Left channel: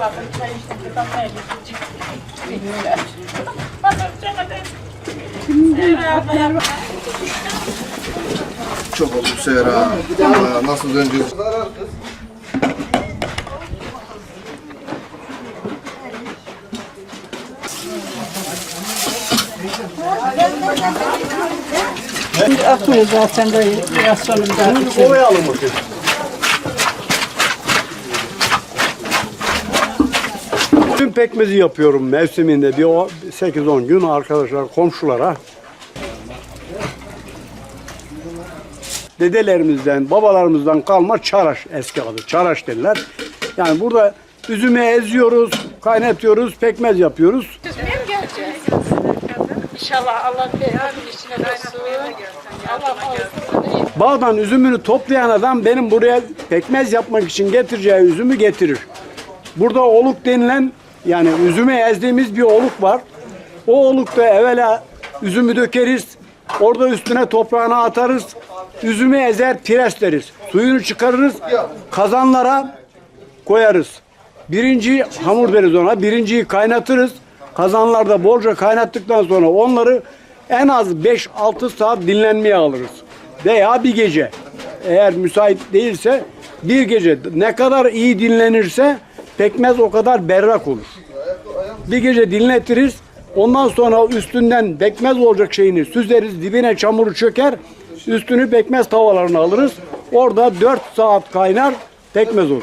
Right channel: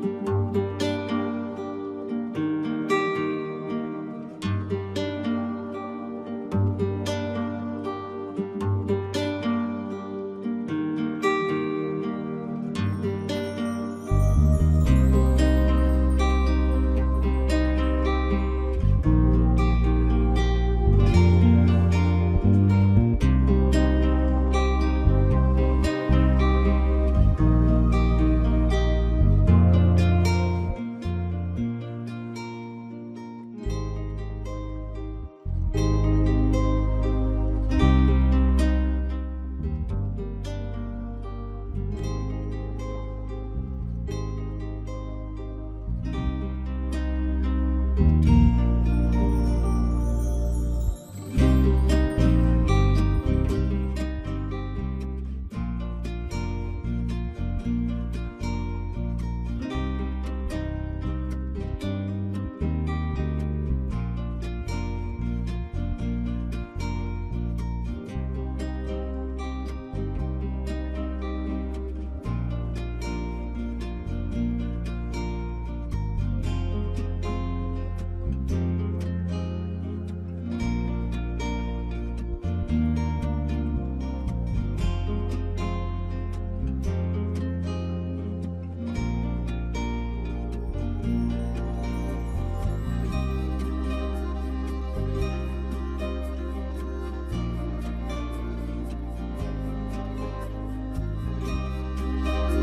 Bazen çay içtik, damlaya gittik. Bilmiyorlar. Çok ha. Aa, Nasıl döneceğiz? Atıyor zaten de biraz sonra zaten. Oraya alın bakayım. Tüm pekmezi yapıyorum mevsiminde bir o- 8-10 gün arkadaşlar komşulara. Dedelerimizden, babalarımızdan kalma çaraş eski adı. Çaraş derler. Yani burada üzümü eziyoruz, kaynatıyoruz, pekmez yapıyoruz. Düzmeye mi geleceğiz? İnşallah Allah beyazın içine nasıl Allah fazlasını Bağdan üzümünü toplayan adam benim buraya pekmez yapmak için getireceği üzümü getirir. Burada oluk denilen yani üzümü ezdiğimiz bir oluk var. O olukta evvela üzümü dökeriz. Orada üstüne toprağını atarız. Üzümü ezer presleriz. Suyunu çıkarırız. Kazanlara koyarız. Birinci hamur deriz ona. Birinciyi kaynatırız. Kazanlarda bolca kaynattıktan sonra onları en az 5-6 saat dinlenmeye alırız. Veya bir gece. Eğer müsait değilse bir gece. Ne kadar iyi dinlenirse pekmez o kadar berrak olur. Bir gece dinletiriz. Ondan sonra üstünden pekmez olacak şeyini süzeriz. Dibine çamuru çöker. Üstünü pekmez tavalarına alırız. Orada 4 saat kaynar pekmez olur.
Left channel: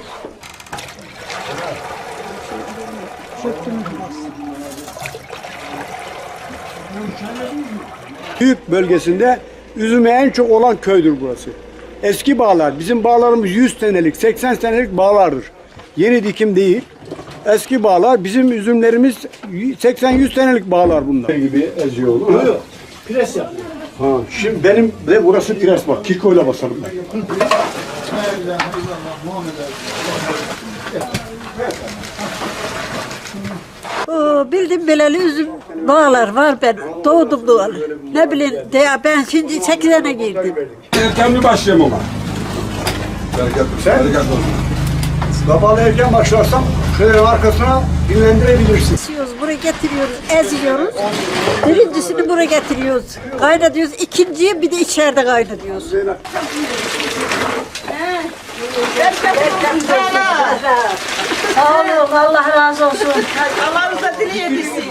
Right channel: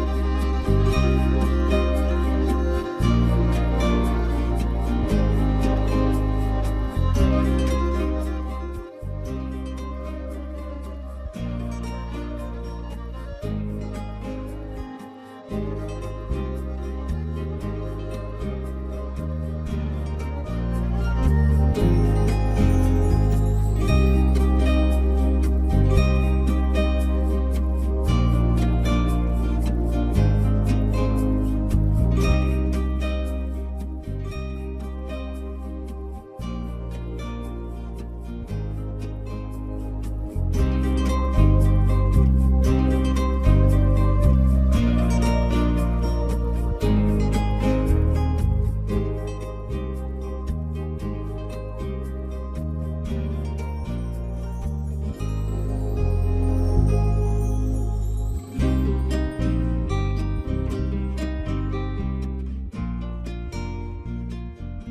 Büyük bölgesinde üzümü en çok olan köydür burası. Eski bağlar, bizim bağlarımız 100 senelik, 80 senelik bağlardır. Yeni dikim değil. Eski bağlar, bizim üzümlerimiz 80-100 senelik bağlar bunlar. gibi eziyor. Pres ya. Ha, şimdi benim de burası pres bak, kikoyla basarım ben. Oo, bildim beleli üzüm bağlar var ben doğdum doğalı. Ne bileyim de ben şimdi 8 sene girdim. Erken bir başlayayım ama. Sen Babalı erken başlarsam şöyle arkasına dinlendirebilirsin. Kesiyoruz, buraya getiriyoruz, eziyoruz. Birincisini buraya getiriyoruz, kaynatıyoruz. İkinciyi bir de içeride kaynatıyoruz. Sağ olun, Allah razı olsun. Allah'ınıza dileyebilsin.